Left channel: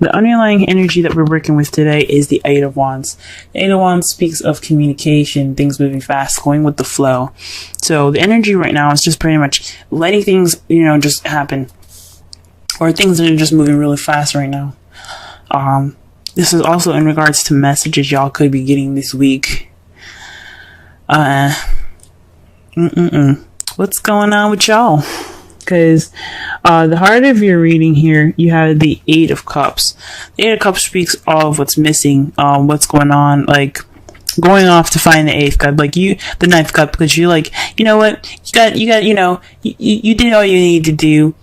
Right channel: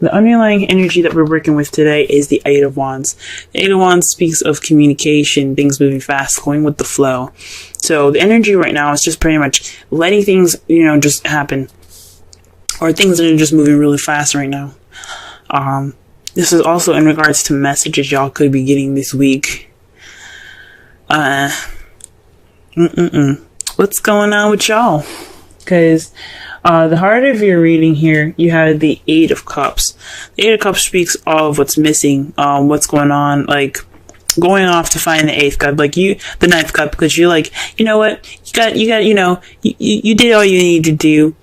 the underlying energy that we're working with today is the Eight of Wands. The Eight of Wands speaks of communication, things moving fast, going with the flow. So the energy right now is just pretty much letting things, just happen. Or things that are just moving really fast right now. This is also in regards to messages y'all could be getting this week. What's going on with y'all? Because the heart of your reading here, you have the Eight of Cups. The Eight of Cups speaks of what's missing, what's going on, like going off to find the Eighth Cup, the Ninth Cup, because you're like, you know what, you did all you need to do.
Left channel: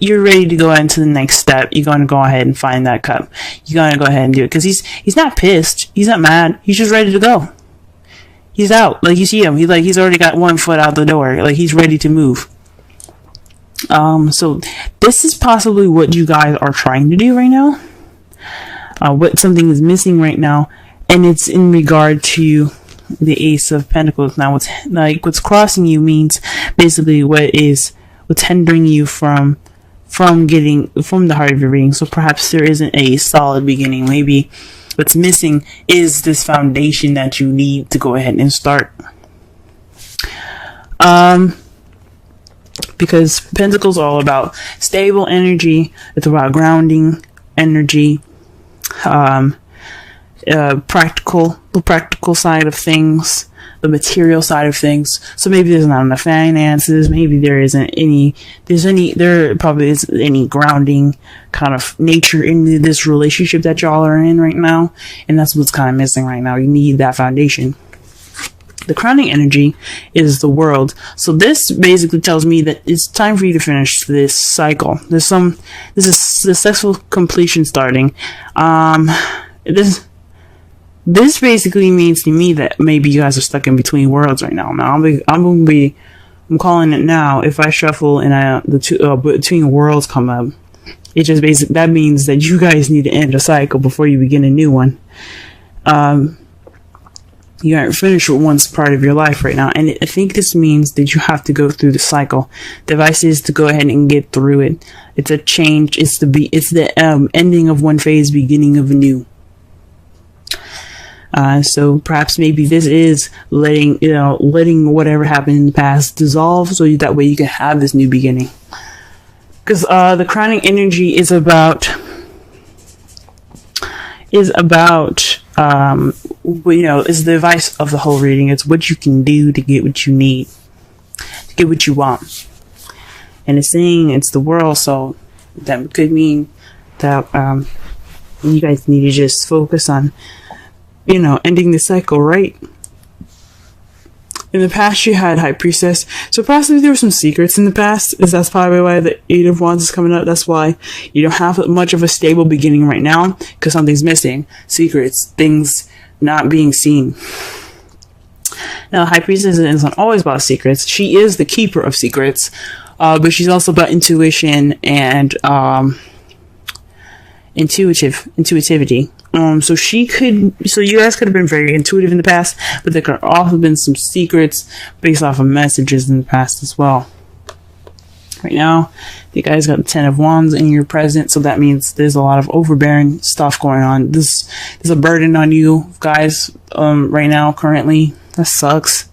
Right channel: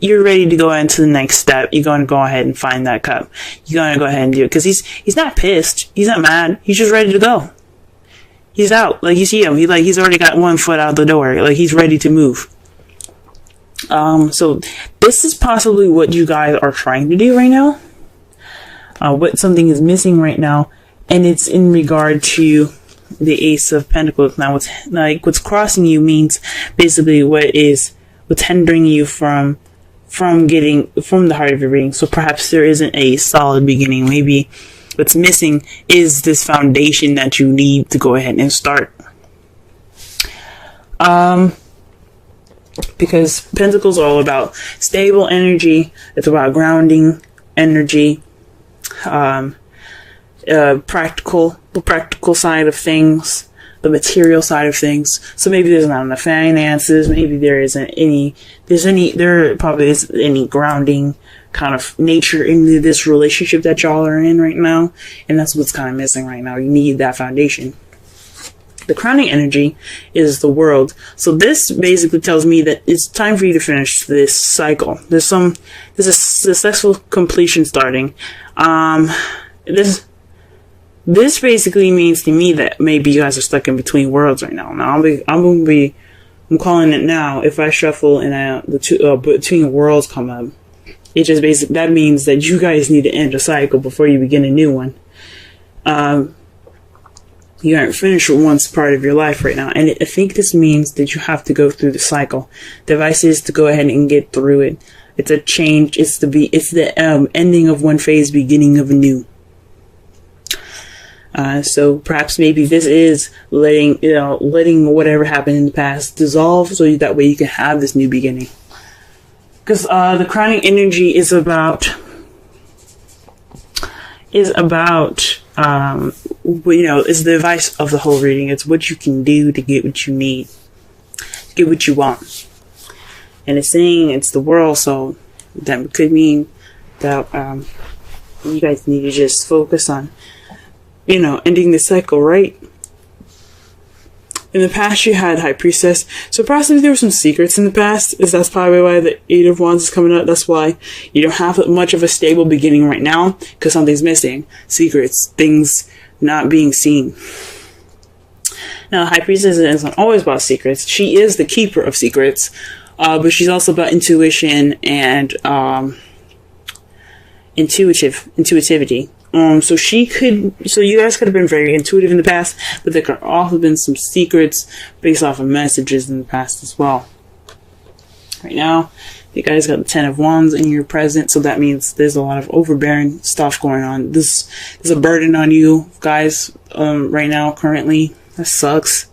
You're ready to go into the next step. You're going to go ahead and find that cup. You're going to go ahead and do it. Because he's not pissed. He's not mad. He's just ready to go. He's out. Like, you see him. He's already got one foot out the door. Like, he's ready to move. So this is possibly what you guys are trying to do right now. What something is missing right now. And it's in regard to the Ace of Pentacles. Now, what's crossing you means basically what's hindering you from getting from the heart of your reading. So perhaps there isn't a solid beginning. Maybe what's missing is this foundation that you need to go ahead and start. Because Pentacles are all about stable energy. It's about grounding energy. The practical side of things. The material side of things. So maybe there's not enough finances. Maybe there probably isn't any grounding kind of nature in this relationship that y'all are in right now. And that's what's kind of missing right now. You need that foundation. The crowning energy is the World. So this basically tells me that it's time for you to finish this cycle. There's a successful completion starting. This basically means to me that maybe you guys are stuck in between worlds right now. Now I'm calling it now. If I shuffle and between worlds come up, it just basically that means that you guys need to end a cycle before you begin a new one. You aren't finished with one part of your life right now, and I think this means that you have to go through the cycle. The advice is to go ahead and get through it. It's a change. It's the ending of one phase, beginning of a new. So perhaps maybe this is letting whatever happened in the past dissolve, so that way you can have this new beginning. Because the crowning energy is about is the advice of the whole reading. It's what you can do to get what you need, get what you want. And it's saying it's the world, so that could mean that you guys need to just focus on ending the cycle, right? In the past, you had High Priestess. So possibly there were some secrets in the past. That's probably why the Eight of Wands is coming out. That's why you don't have much of a stable beginning right now, because something's missing. Secrets, things not being seen. Now, High Priestess is not always about secrets. She is the keeper of secrets, but she's also about intuition and intuitivity. So you guys could have been very intuitive in the past, but there could have also been some secrets based off of messages in the past as well. Right now, you guys got the Ten of Wands in your present, so that means there's a lot of overbearing stuff going on. There's a burden on you guys, right now, currently. That sucks.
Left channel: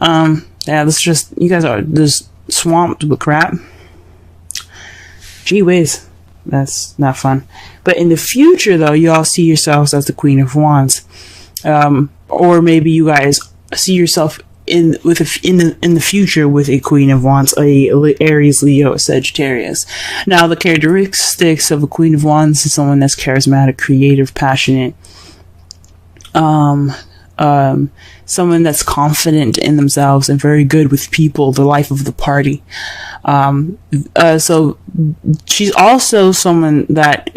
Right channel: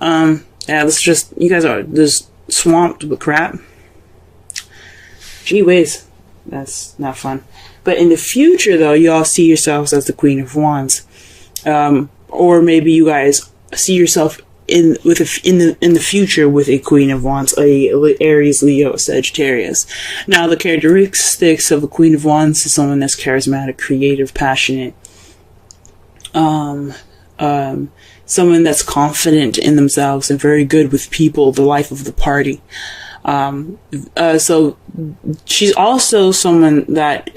You guys are just swamped with crap. Gee whiz. That's not fun. But in the future, though, you all see yourselves as the Queen of Wands, or maybe you guys see yourself in the future with a Queen of Wands, a Aries, Leo, Sagittarius. Now, the characteristics of a Queen of Wands is someone that's charismatic, creative, passionate, someone that's confident in themselves and very good with people, the life of the party. So she's also someone that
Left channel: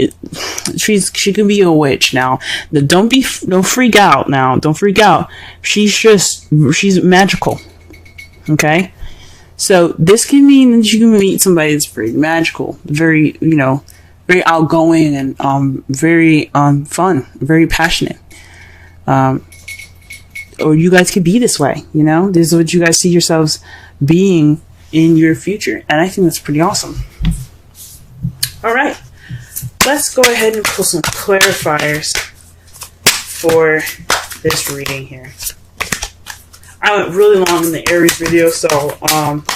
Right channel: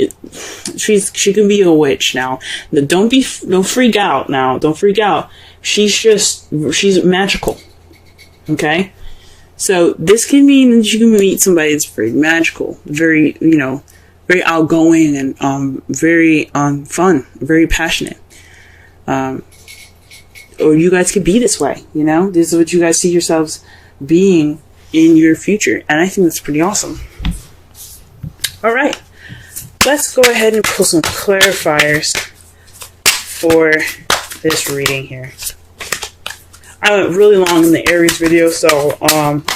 she can be a witch now. Don't freak out now. Don't freak out. She's magical. Okay? So this can mean that you can meet somebody that's very magical, very, very outgoing and, very, fun, very passionate. Or you guys could be this way, This is what you guys see yourselves being in your future, and I think that's pretty awesome. All right, let's go ahead and pull some clarifiers for this reading here. I went really long in the Aries video, so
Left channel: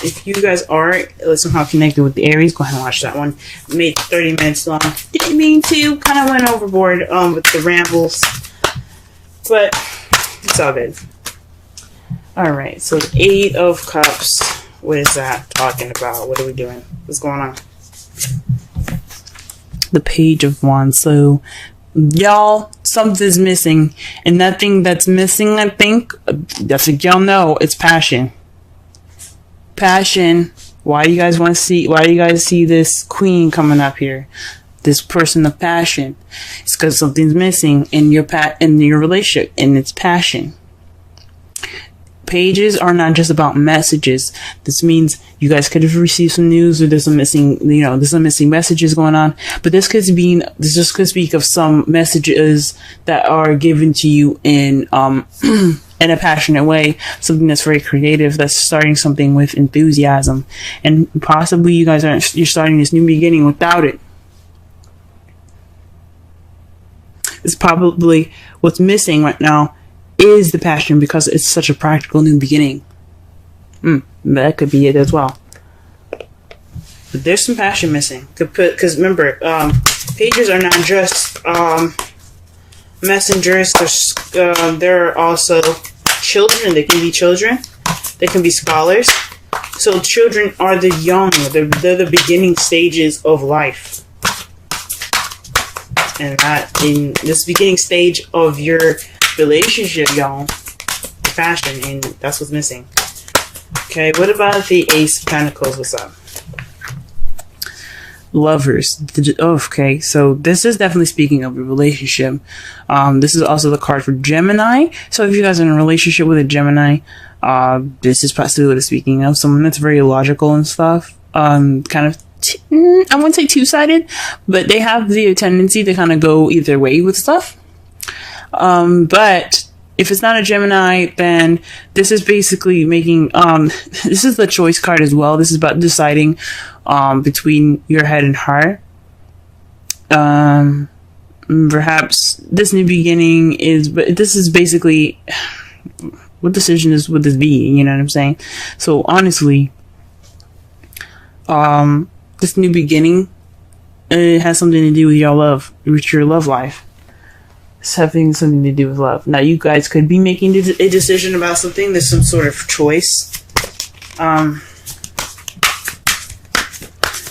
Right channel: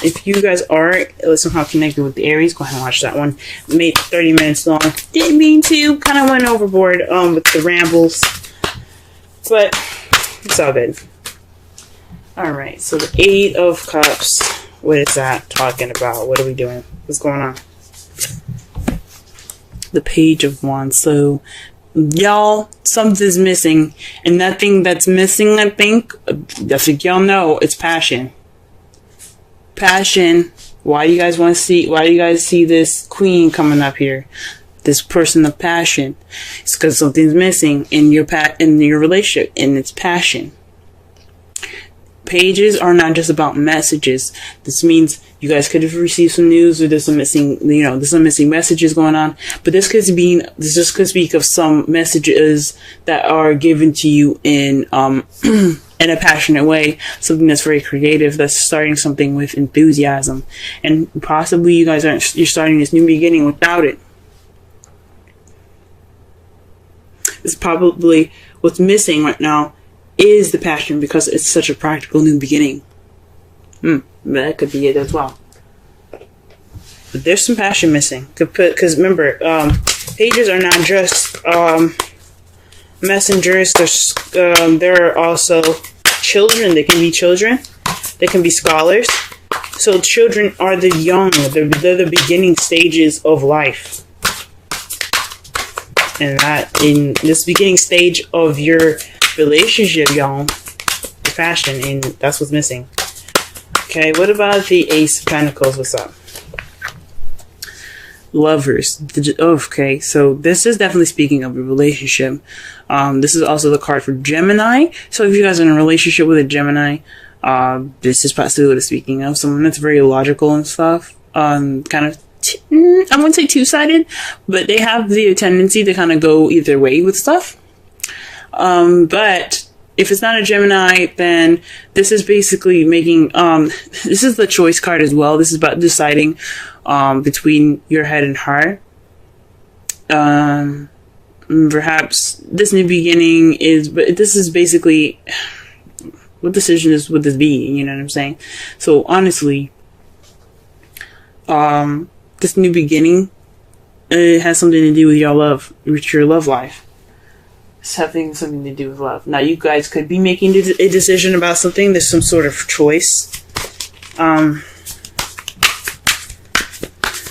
if you guys are somehow connected with the Aries, go ahead and watch that one. Made 30 minutes long. Didn't mean to. Kind of went overboard with the rambles, but it's all good. Alright, so 8 of Cups. What is that talking about? What are we doing? What's going on? The Page of Wands. So, y'all, something's missing. And that thing that's missing, I think, that's what y'all know, it's passion. Passion. Why do you guys see this queen coming up here? This person of passion. It's because something's missing in your relationship, and it's passion. Pages are not just about messages. This means you guys could have received some news, or there's some missing messages going on. But this just could speak of some messages that are given to you in in a passionate way, something that's very creative, that's starting something with enthusiasm, and possibly you're starting this new beginning without it. It's probably what's missing right now is the passion, because it's such a practical new beginning. That could be it as well. But there's some passion missing. Because remember, pages are not just messengers. There are also children. They can be children. They can be scholars. So children are the young. They're the beginning stages of life. And not in this beginning stage of your relationship, y'all. Passion, and that's what's missing. Okay, what about the Ace of Pentacles? What's up? Lovers. Okay, so this is definitely speaking of a relationship. This is also the card for Gemini. So if you guys are in a relationship with a Gemini, this is possibly what it's speaking of. Someone that's very logical and stuff. Kind of, I wouldn't say two-sided, but they have the tendency to kind of go either way with stuff. But if it's not a Gemini, then this is basically making, this is the choice card as well. This is about deciding, between your head and heart. Perhaps this new beginning but this is basically, what decision would this be? You know what I'm saying? So honestly, this new beginning, it has something to do with your love life. It's having something to do with love. Now, you guys could be making a decision about something. There's some sort of choice.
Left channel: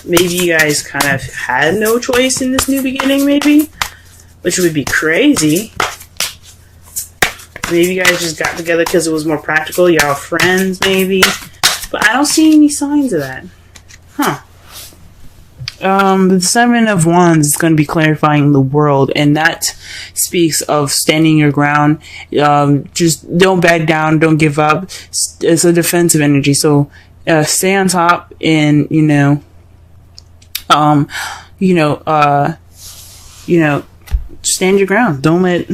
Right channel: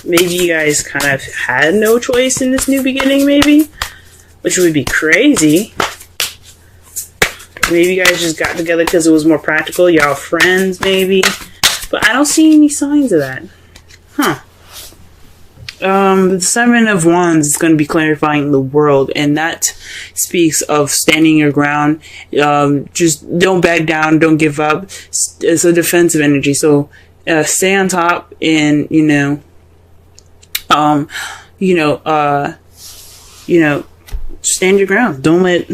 Maybe you guys kind of had no choice in this new beginning, maybe, which would be crazy. Maybe you guys just got together because it was more practical. Y'all friends, maybe. But I don't see any signs of that. Huh. The Seven of Wands is going to be clarifying the world, and that speaks of standing your ground. Just don't back down, don't give up. It's a defensive energy, so stay on top, and stand your ground. Don't let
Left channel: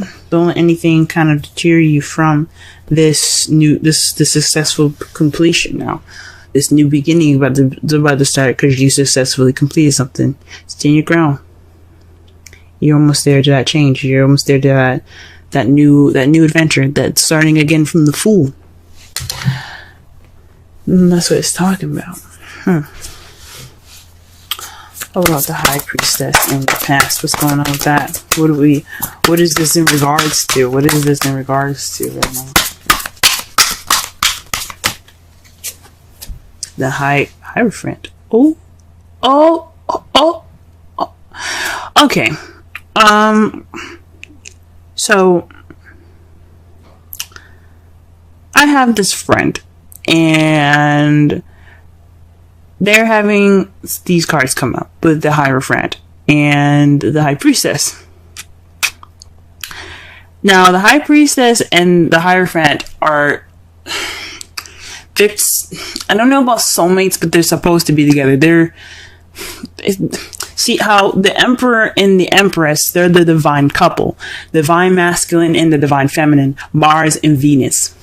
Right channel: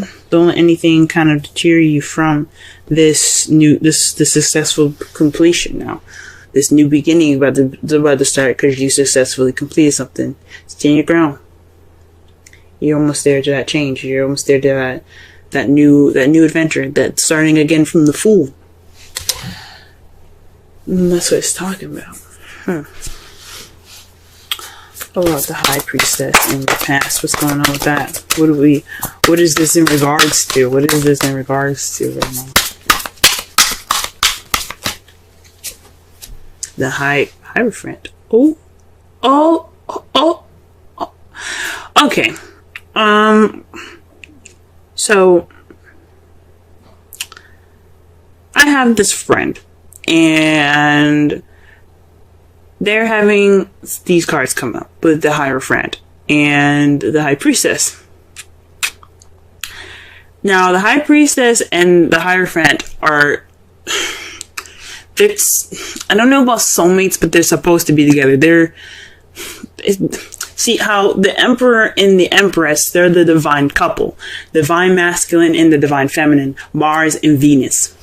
anything kind of deter you from this successful completion now. This new beginning about to start because you successfully completed something. Stand your ground. You're almost there to that change. You're almost there to that new adventure. That's starting again from the Fool. And that's what it's talking about. What about the High Priestess in the past? What's going on with that? What is this in regards to? What is this in regards to right now? The Hierophant. Oh. Okay. So I have this friend, and they're having these cards come up with the Hierophant and the High Priestess. Now, the High Priestess and the Hierophant are... I don't know about soulmates, but they're supposed to be together. See how the Emperor and the Empress, they're the divine couple. Divine masculine and the divine feminine. Mars and Venus.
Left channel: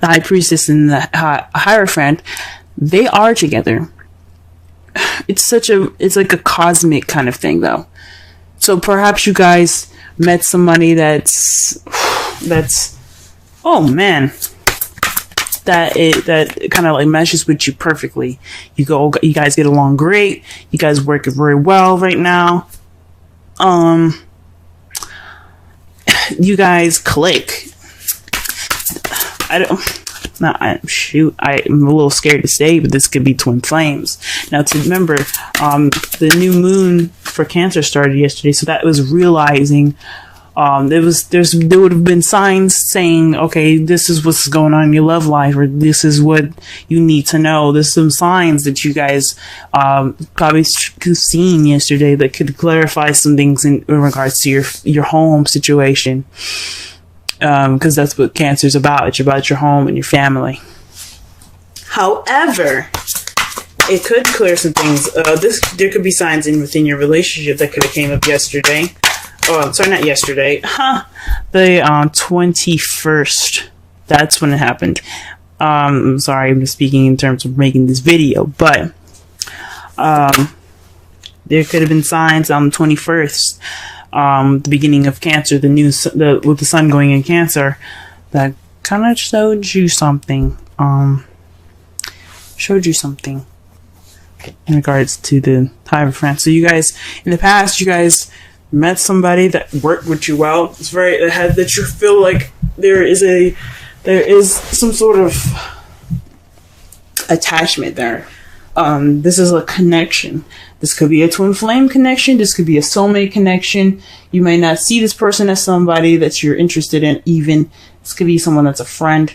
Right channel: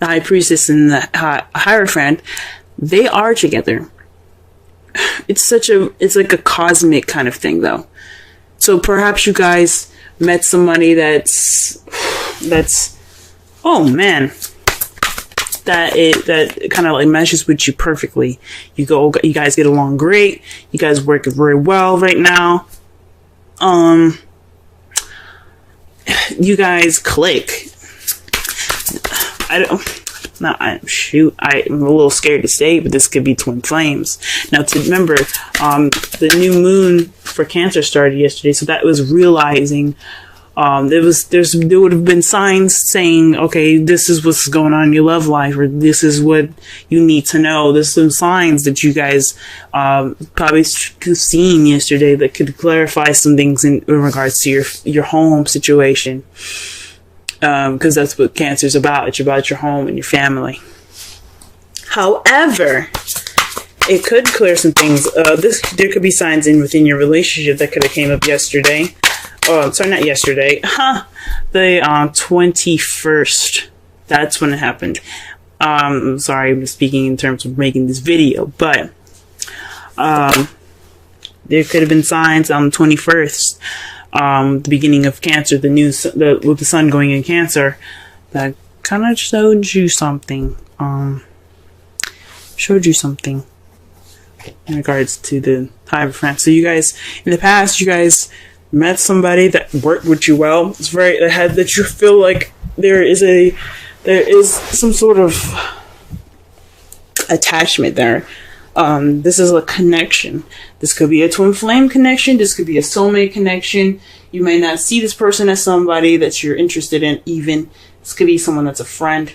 The High Priestess and the Hierophant, they are together. It's like a cosmic kind of thing, though. So perhaps you guys met somebody that's oh man, that kind of like meshes with you perfectly. You guys get along great. You guys work very well right now. You guys click. I'm a little scared to say, but this could be twin flames. Now, to remember, the new moon for Cancer started yesterday, so that was realizing there would have been signs saying, okay, this is what's going on in your love life, or this is what you need to know. There's some signs that you guys probably seen yesterday that could clarify some things in regards to your home situation. Because that's what Cancer's about. It's about your home and your family. However, it could clear some things. There could be signs within your relationship that could have came up yesterday. Oh, sorry, not yesterday. The 21st. That's when it happened. I'm sorry, I'm speaking in terms of making this video, but there could have been signs on the 21st. The beginning of Cancer, with the sun going in Cancer, that kind of showed you something. In regards to the time of France. So you guys, in the past, you guys met somebody that worked with you well. It's very ahead that you feel like there is some sort of attachment there. This is a connection. This could be a twin flame connection. This could be a soulmate connection. You may not see this person as somebody that you're interested in even. This could be someone that's a friend.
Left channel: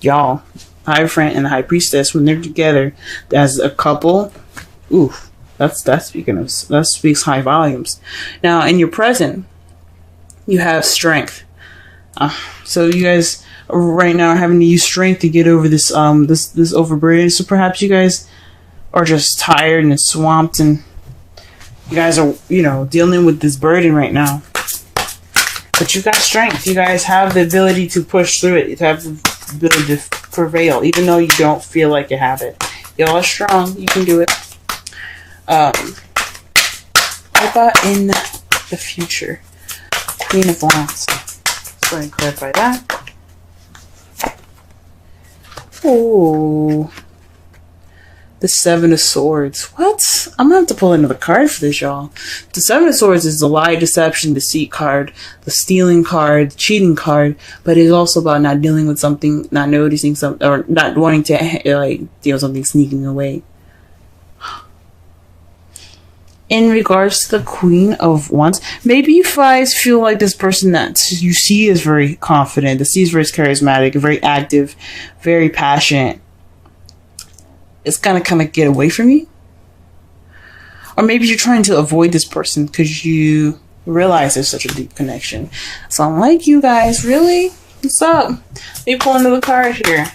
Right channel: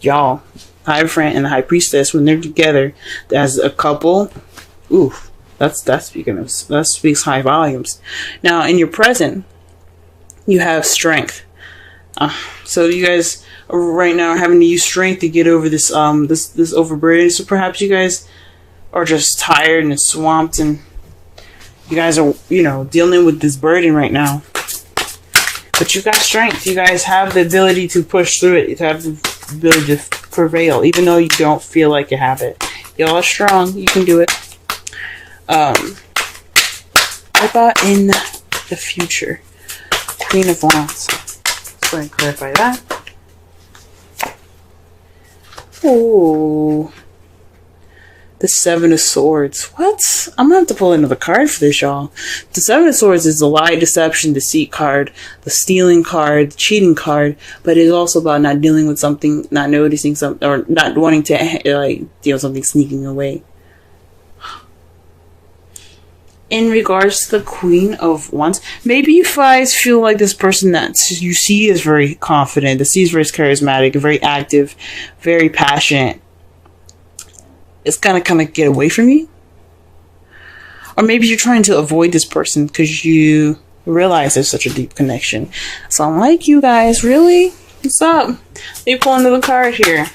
Y'all, High Friend and the High Priestess, when they're together as a couple, that speaks high volumes. Now, in your present, you have strength. So you guys right now are having to use strength to get over this overburden. So perhaps you guys are just tired and swamped, and you guys are, dealing with this burden right now. But you got strength. You guys have the ability to push through it. You have the ability to prevail, even though you don't feel like you have it. Y'all are strong. You can do it. What about in the future? Queen of Wands. Go ahead and clarify that. Oh, the Seven of Swords. What? I'm gonna have to pull another card for this, y'all. The Seven of Swords is the lie, deception, deceit card, the stealing card, the cheating card, but it's also about not dealing with something, not noticing something, or not wanting to deal with something sneaking away. In regards to the Queen of Wands, maybe you guys feel like this person that you see is very confident, that sees very charismatic, very active, very passionate, it's gonna kind of get away from you. Or maybe you're trying to avoid this person because you realize there's such a deep connection. So I'm like, you guys, really? What's up? Let me pull another card here.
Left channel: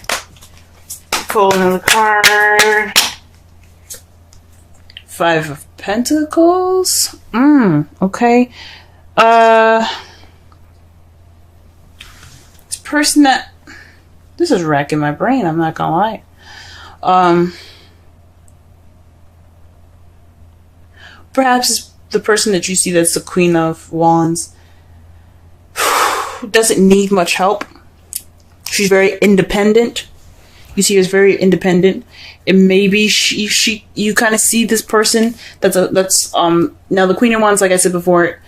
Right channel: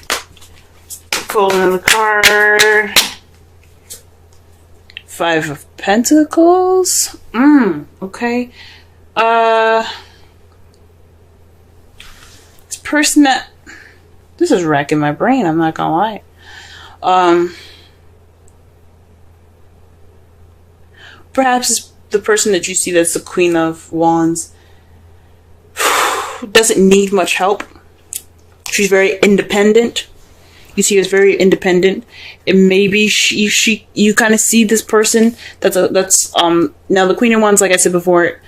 Pull another card. Five of Pentacles. Okay. This person that... This is racking my brain, I'm not gonna lie. Perhaps the person that you see that's the Queen of Wands doesn't need much help. She's very independent. You see her as very independent. And maybe you kind of see this person that's now the Queen of Wands, like I said before,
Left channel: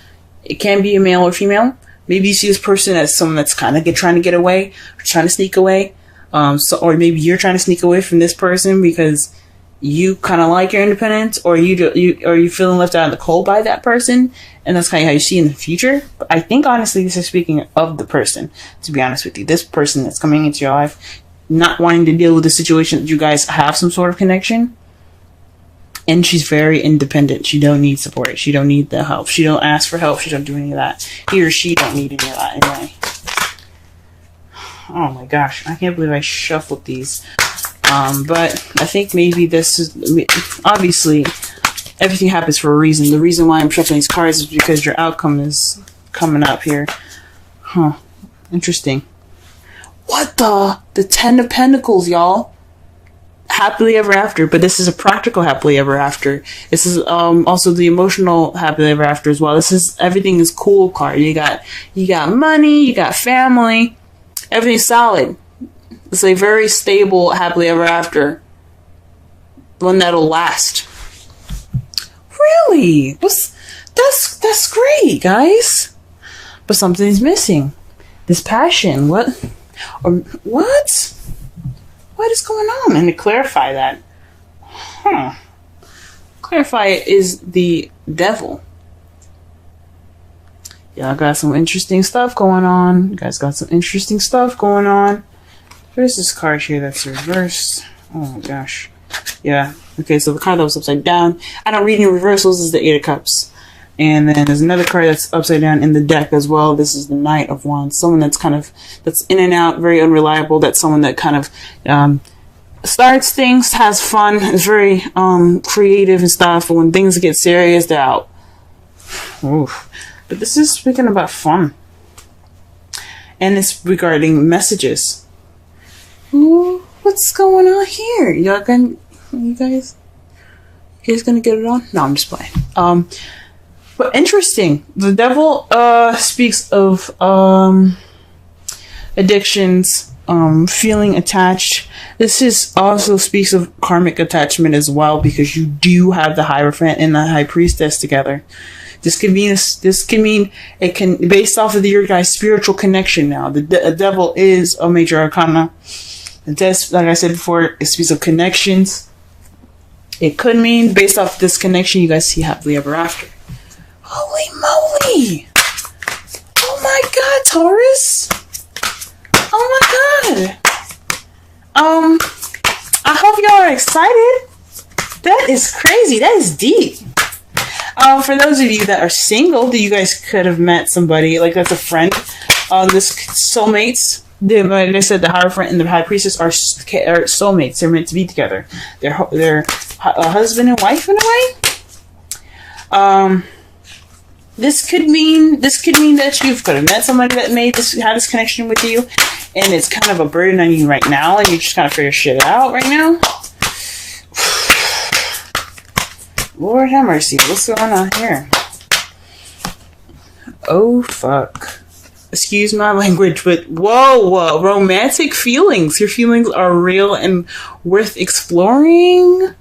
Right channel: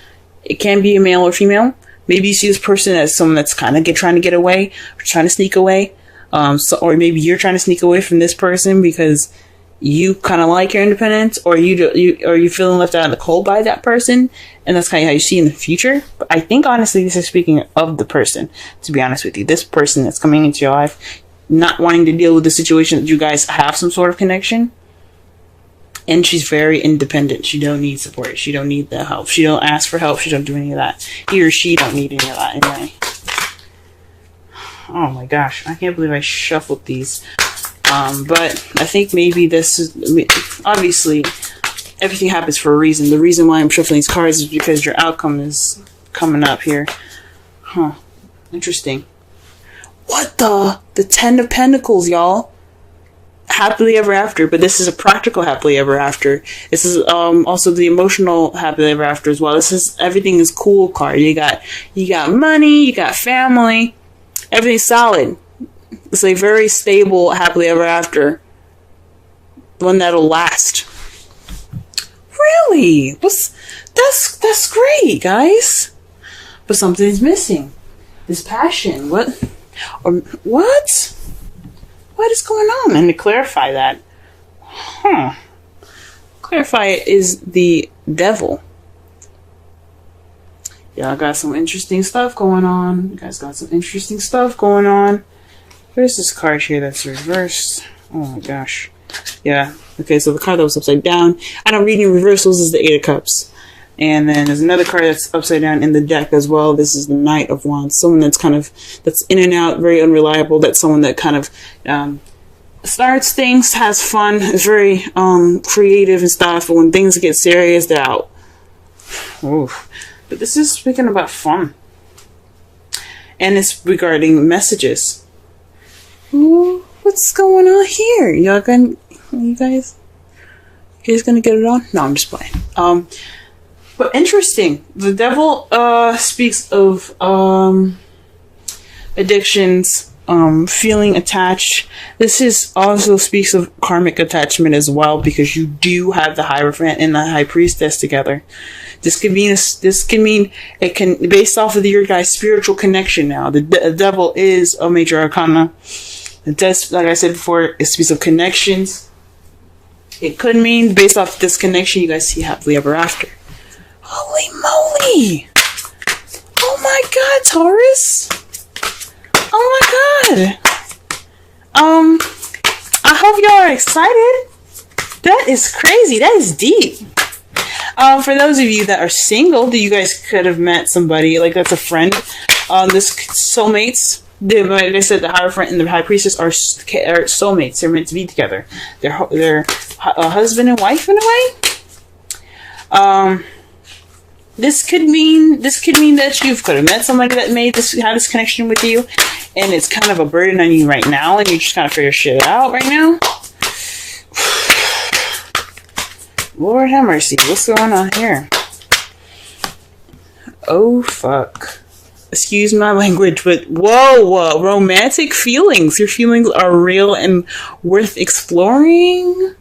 it can be a male or female. Maybe you see this person as someone that's kind of trying to get away, or trying to sneak away. Or maybe you're trying to sneak away from this person because you kind of like your independence, or you're feeling left out of the cold by that person, and that's kind of how you see in the future. But I think honestly, this is speaking of the person. To be honest with you, this person that's coming into your life, not wanting to deal with the situation that you guys have some sort of connection, and she's very independent. She don't need support. She don't need the help. She don't ask for help. She don't do any of that. He or she don't need any of that anyway. Oh my gosh, I can't believe I shuffled these. But I think maybe this is... Obviously, everything happens for a reason. The reason why I'm shuffling these cards is because your outcome is coming up here. Interesting. What the? The Ten of Pentacles, y'all. happily ever after, but this is a practical happily ever after. This is also the emotional happily ever after as well. This is everything is cool card. You got money, you got family, everything's solid. It's a very stable happily ever after. One that'll last. Really? That's great, guys. But something's missing. This passion. What? What is going on? And to clarify that, clarify it is the devil. Y'all got some interesting stuff going on. You guys got some interesting stuff going on. There's this card here that's reversed. Oh my gosh. Yeah. Okay, so the card that was upside down. I don't read any reversals is the Eight of Cups. And then there's another card that's upside down in the deck as well. This is the Knight of Wands. Someone that's in and out, very unreliable. That's someone that kind of starts things, has fun, is very creative and stuff. But when things get serious, they're out. Oof. But this is speaking about fun. And it's regarding messages. Ooh, what's going on here? You guys gonna get it on? No, I'm just playing. But interesting. The devil speaks of addictions, feeling attached. This also speaks of karmic attachment as well, because you do have the Hierophant and the High Priestess together. This can mean it can, based off of your guys' spiritual connection now. The devil is a major arcana. Like I said before, it speaks of connections. It could mean, based off this connection, you guys see happily ever after. Holy moly! Oh my god, Taurus! Oh my god! I hope y'all are excited. That is crazy. That is deep. For those of you that are single, that you guys could have met somebody, like that's a friend. This soulmates. Like I said, the Hierophant and the High Priestess are soulmates. They're meant to be together. They're husband and wife in a way. This could mean that you could have met somebody that had this connection with you, and it's kind of a burden on you right now, and you just kind of figure shit out right now. Lord have mercy, what's going on here? Oh fuck. Excuse my language, but whoa, romantic feelings. Your feelings are real and worth exploring.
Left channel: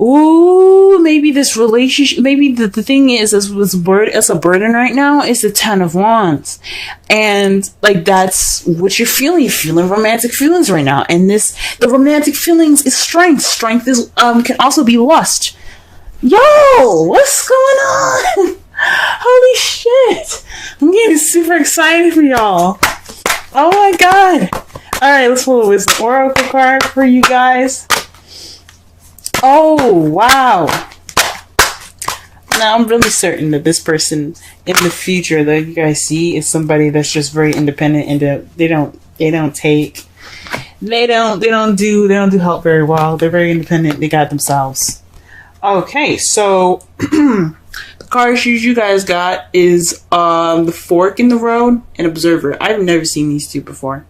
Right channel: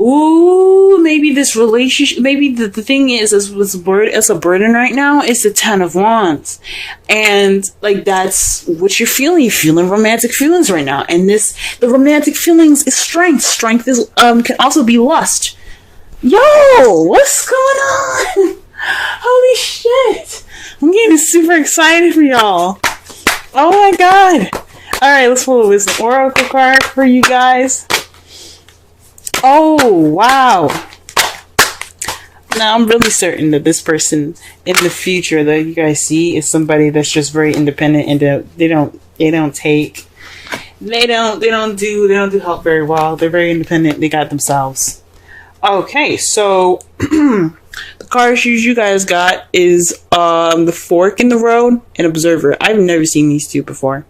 Ooh, maybe this relationship, maybe the thing is, it's a burden right now, is the Ten of Wands. And, like, that's what you're feeling. You're feeling romantic feelings right now. And the romantic feelings is strength. Strength is, can also be lust. Yo, what's going on? Holy shit. I'm getting super excited for y'all. Oh my god. Alright, let's pull this oracle card for you guys. Oh, wow. Now, I'm really certain that this person in the future that you guys see is somebody that's just very independent, and they don't do help very well. They're very independent. They got themselves. Okay, so the cards you guys got is the Fork in the Road and Observer. I've never seen these two before.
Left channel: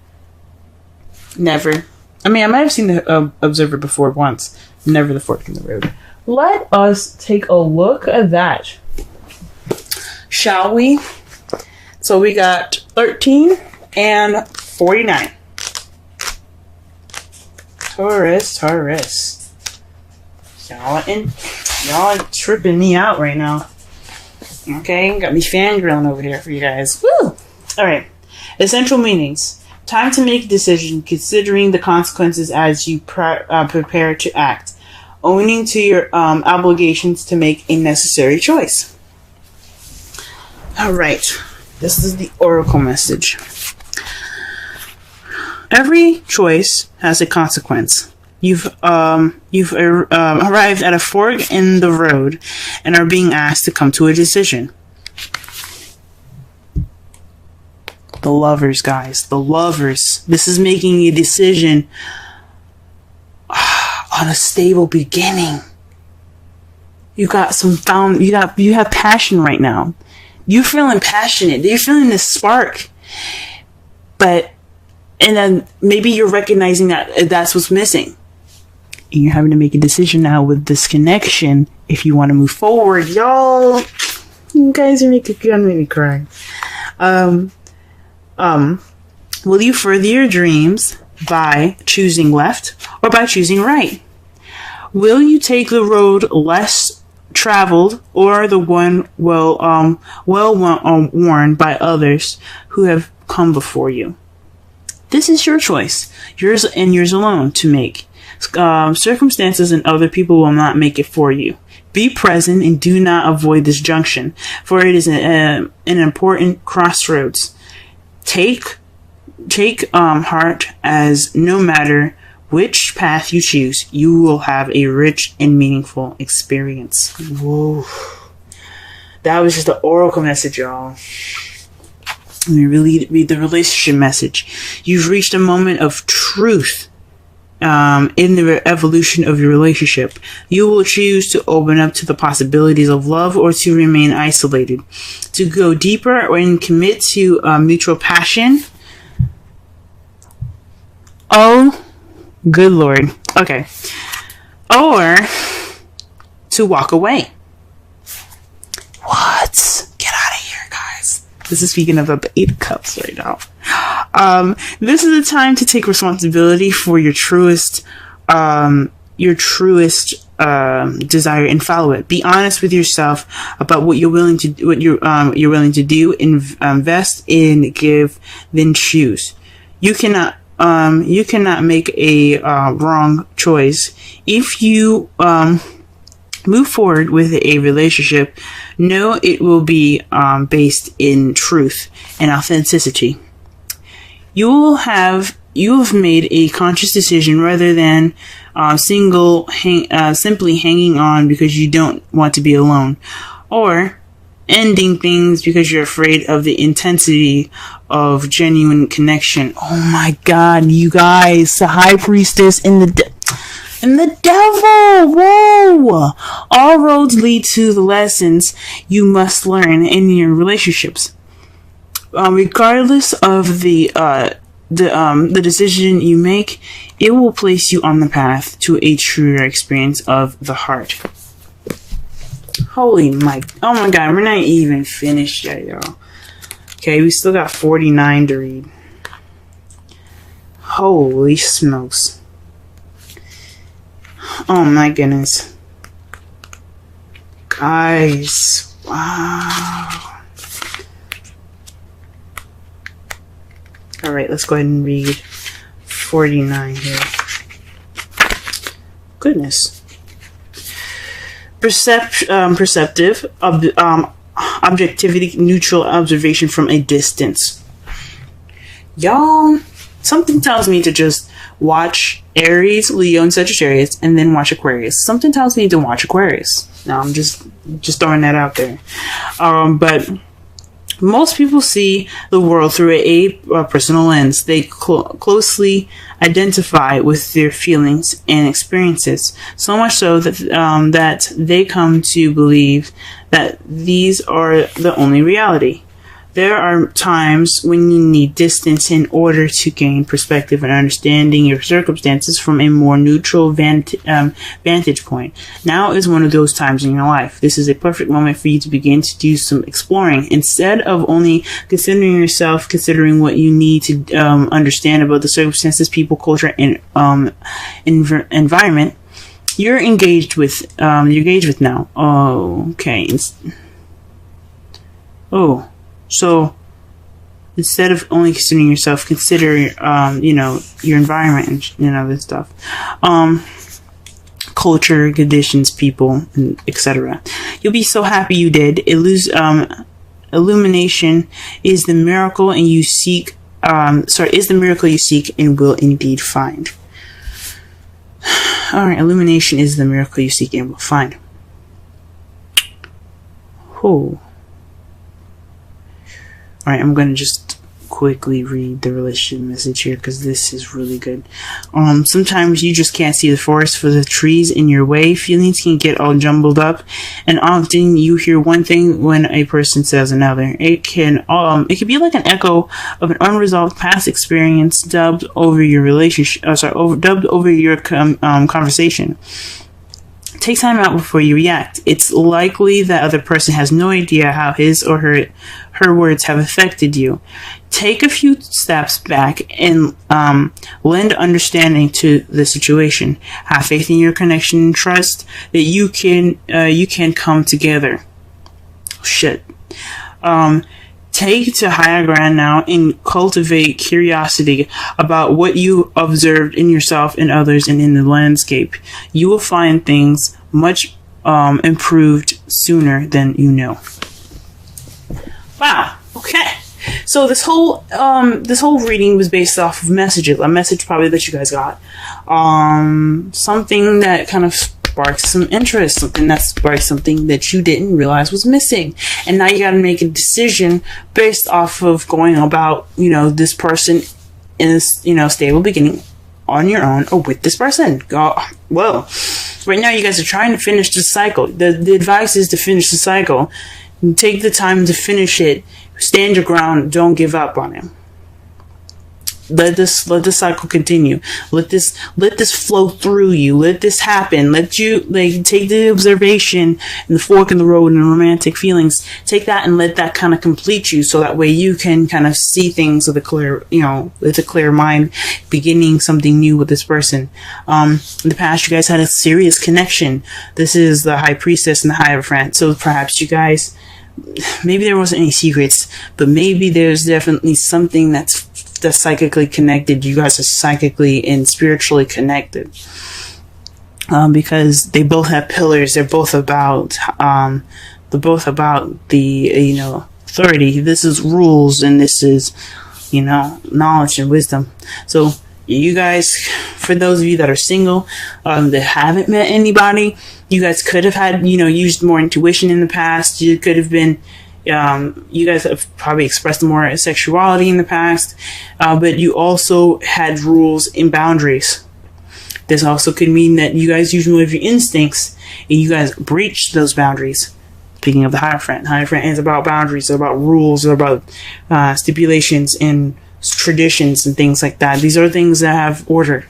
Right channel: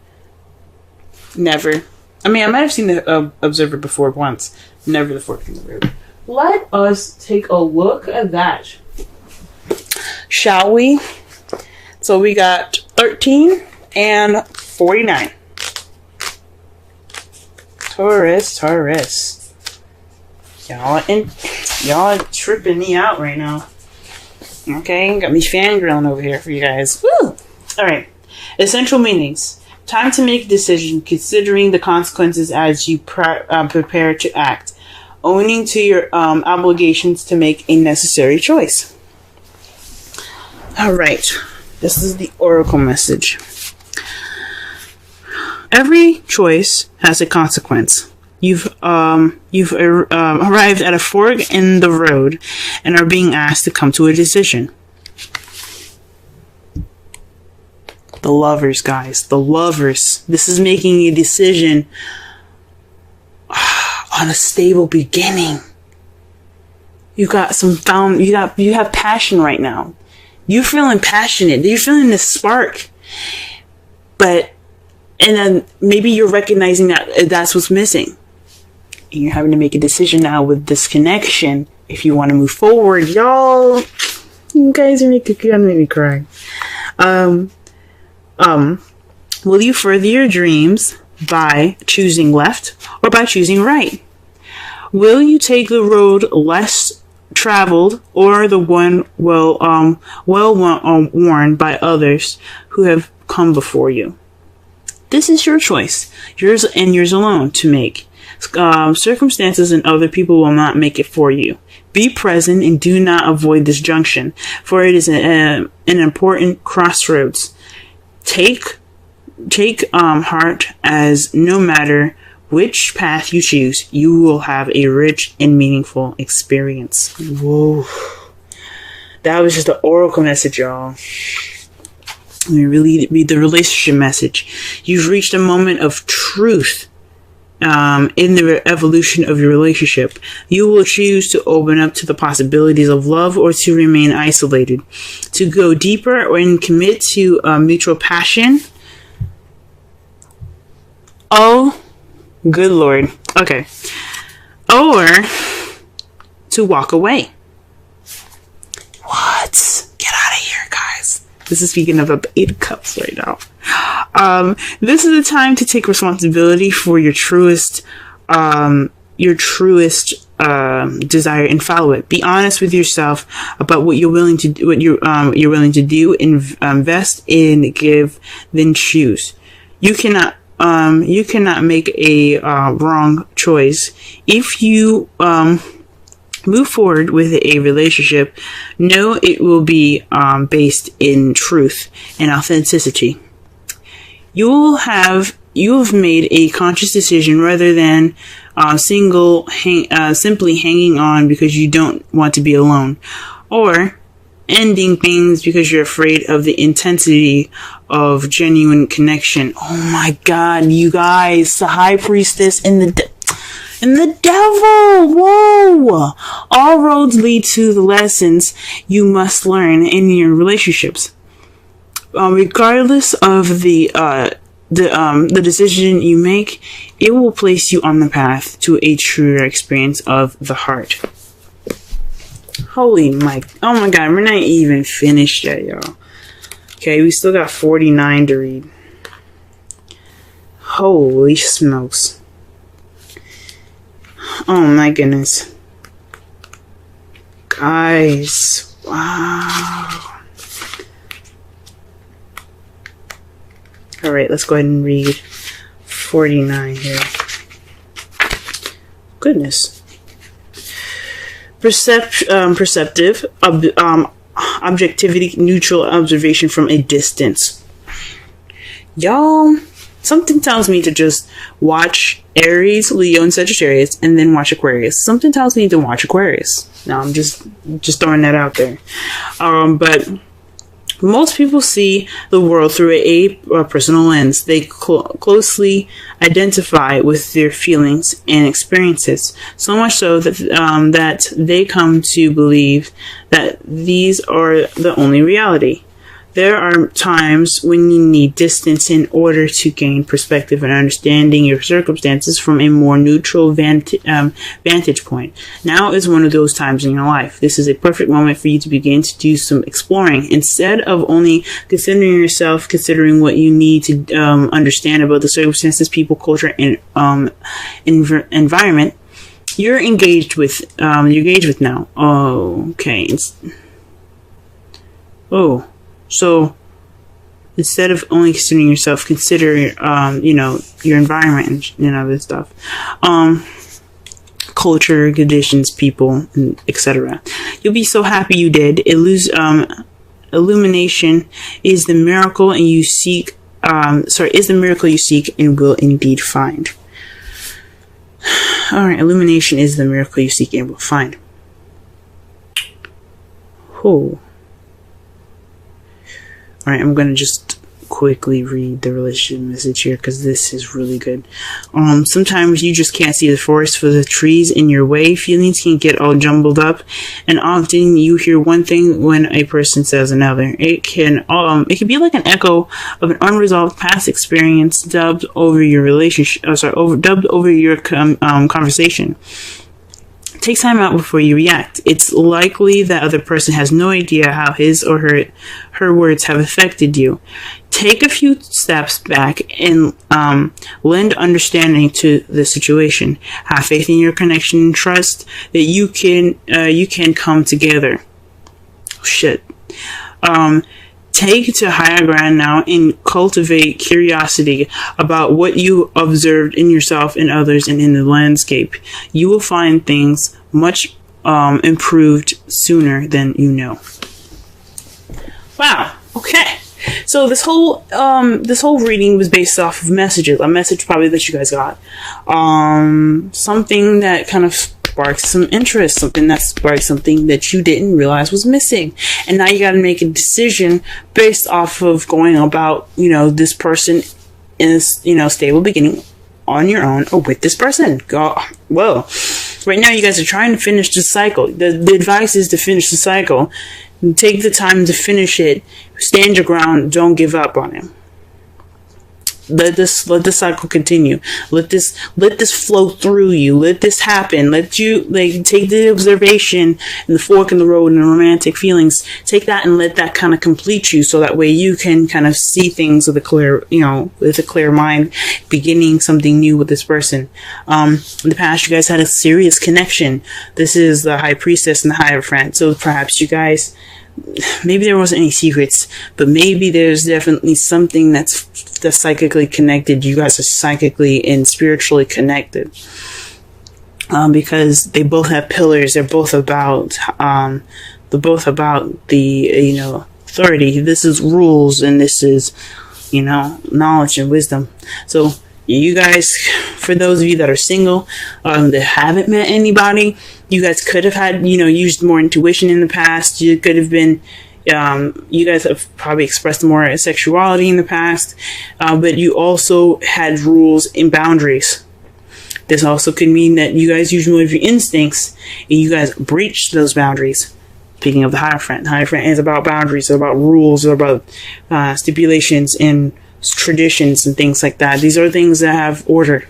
Never. I mean, I might have seen the Observer before once. Never the Fork in the Road. Let us take a look at that, shall we? So we got 13 and 49. Taurus. Y'all tripping me out right now. Okay, got me fangirling over here for you guys. Woo! Alright. Essential meanings. Time to make a decision, considering the consequences as you prepare to act. Owning to your obligations to make a necessary choice. Alright. This is the oracle message. Every choice has a consequence. You've arrived at a fork in the road and are being asked to come to a decision. The Lovers, guys. The Lovers. This is making a decision on a stable beginning. You got you have passion right now. You're feeling passionate. You're feeling this spark. And then maybe you're recognizing that that's what's missing. and you're having to make a decision now with this connection if you want to move forward. Y'all, you guys are making me cry. Will you further your dreams by choosing left or by choosing right? Will you take the road less traveled or the one worn by others who have come before you? This is your choice, yours and yours alone to make. Circumstances and other people will not make it for you. Be present and do not avoid this junction, for it is an important crossroads. Take heart, as no matter which path you choose, you will have a rich and meaningful experience. Whoa. That was just the oracle message, y'all. Let me really read the relationship message. You've reached a moment of truth in the evolution of your relationship. You will choose to open up to the possibilities of love or to remain isolated, to go deeper and commit to mutual passion. Oh, good Lord. Okay. Or to walk away. What? Get out of here, guys. This is speaking of the 8 of Cups right now. This is the time to take responsibility for your truest desire and follow it. Be honest with yourself about what you're willing to do, you're willing to do, invest in, give, then choose. You cannot make a wrong choice. If you move forward with a relationship, know it will be based in truth and authenticity. You've made a conscious decision rather than simply hanging on because you don't want to be alone, or ending things because you're afraid of the intensity of genuine connection. Oh my God, you guys, the High Priestess and the devil. Whoa! All roads lead to the lessons you must learn in your relationships. Regardless of the decision you make, it will place you on the path to a truer experience of the heart. Oh my God, we're not even finished yet, y'all. Okay, we still got 49 to read. Holy smokes. Oh my goodness. Guys, wow. Alright, let's go ahead and read 49 here. Goodness. Perceptive, objectivity, neutral observation from a distance. Y'all, something tells me to just watch Aries, Leo, and Sagittarius, and then watch Aquarius. Something tells me to watch Aquarius. Now, I'm just throwing that out there. But most people see the world through a personal lens. They closely identify with their feelings and experiences, so much so that they come to believe that these are the only reality. There are times when you need distance in order to gain perspective and understanding your circumstances from a more neutral vantage point. Now is one of those times in your life. This is a perfect moment for you to begin to do some exploring. Instead of only considering yourself, considering what you need to understand about the circumstances, people, culture, and environment you're engaged with now. Oh, okay. So instead of only considering yourself, consider your environment and this stuff, culture, conditions, people, etc. You'll be so happy you did. Illumination is the miracle you seek and will indeed find. All right, illumination is the miracle you seek and will find. Oh. Alright, I'm going to just quickly read the relationship message here because this is really good. Sometimes you just can't see the forest for the trees in your way. Feelings can get all jumbled up, and often you hear one thing when a person says another. It can be like an echo of an unresolved past experience dubbed over your relationship. Dubbed over your conversation. Take time out before you react. It's likely that other person has no idea how his or her words have affected you. Take a few steps back and lend understanding to the situation. Have faith in your connection and trust that you can come together. Shit. Take to higher ground now and cultivate curiosity about what you observed in yourself and others and in the landscape. You will find things much improved sooner than you know. Wow. Okay. So this whole reading was based off of messages. A message probably that you guys got. Something that kind of sparked some interest, something that sparked something that you didn't realize was missing. And now you got to make a decision based off of going about, this person is, stable beginning on your own or with this person. Well, right now you guys are trying to finish the cycle. The advice is to finish the cycle. Take the time to finish it. Stand your ground. Don't give up on him. Let the cycle continue. Let this flow through you. Let this happen. Let you take the observation and the fork in the road and the romantic feelings. Take that and let that kind of complete you, so that way you can kind of see things with a clear mind, beginning something new with this person. In the past, you guys had a serious connection. This is the High Priestess and the Hierophant. So perhaps you guys, maybe there wasn't any secrets, but maybe there's definitely something that's psychically connected. You guys are psychically and spiritually connected, because they both have pillars. They're both about the authority. This is rules, and this is knowledge and wisdom. So you guys, for those of you that are single, that haven't met anybody, you guys could have had, used more intuition in the past. You could have been, you guys have probably expressed more sexuality in the past, but you also had rules and boundaries. This also could mean that you guys used more of your instincts and you guys breached those boundaries. Speaking of the Hierophant, is about boundaries, it's about rules, it's about stipulations and traditions and things like that. These are things that have order.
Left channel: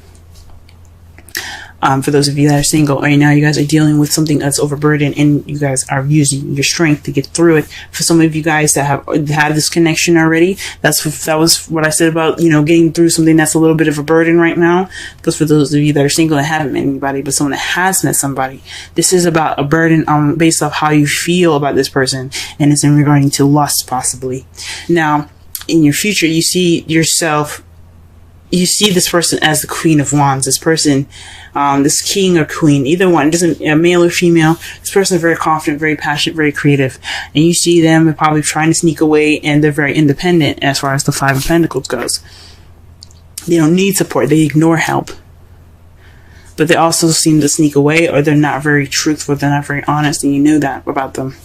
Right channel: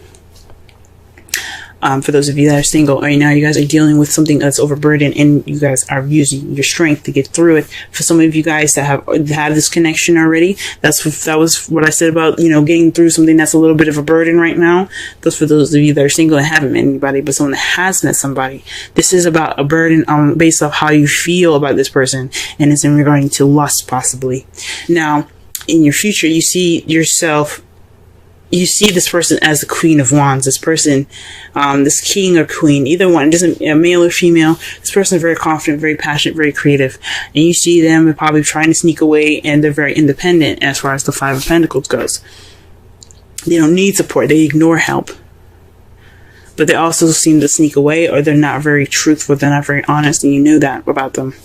For those of you that are single right now, you guys are dealing with something that's overburdened, and you guys are using the strength to get through it. For some of you guys that have this connection already, that was what I said about getting through something that's a little bit of a burden right now. Because for those of you that are single and haven't met anybody, but someone that has met somebody, this is about a burden based off how you feel about this person, and it's in regarding to lust possibly. Now, in your future, you see this person as the Queen of Wands. This person, this king or queen, either one, doesn't male or female. This person is very confident, very passionate, very creative, and you see them probably trying to sneak away, and they're very independent as far as the Five of Pentacles goes. They don't need support. They ignore help, but they also seem to sneak away, or they're not very truthful. They're not very honest, and you know that about them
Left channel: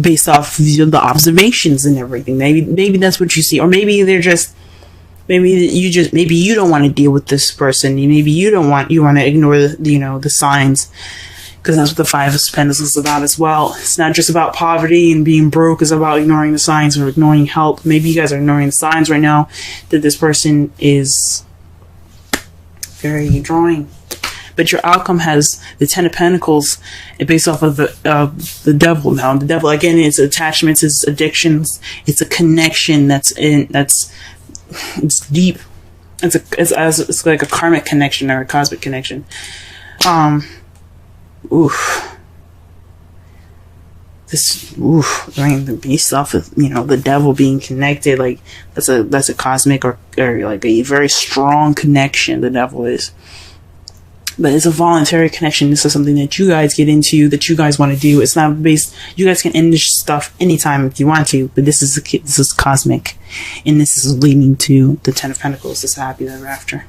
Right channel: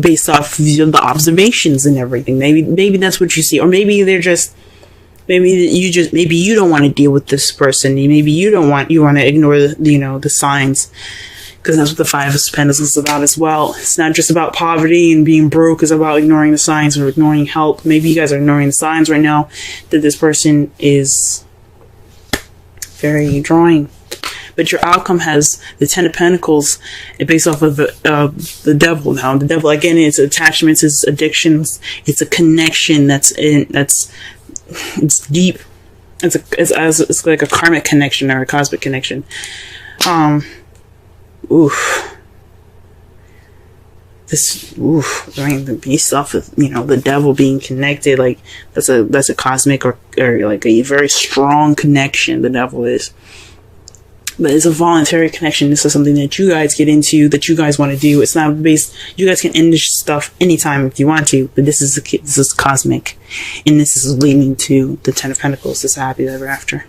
based off the observations and everything. Maybe that's what you see, or maybe they're just. Maybe you don't want to deal with this person. Maybe you want to ignore the signs, because that's what the Five of Pentacles is about as well. It's not just about poverty and being broke. It's about ignoring the signs or ignoring help. Maybe you guys are ignoring the signs right now that this person is very drawing. But your outcome has the Ten of Pentacles, and based off of the Devil. Now, the Devil again, it's attachments, it's addictions, it's a connection that's it's deep. It's like a karmic connection or a cosmic connection. Based off of the Devil being connected, like that's a cosmic or like a very strong connection. The Devil is. But it's a voluntary connection. This is something that you guys get into, that you guys want to do. It's not based. You guys can end this stuff anytime if you want to. But this is cosmic, and this is leading to the Ten of Pentacles. This happy ever after.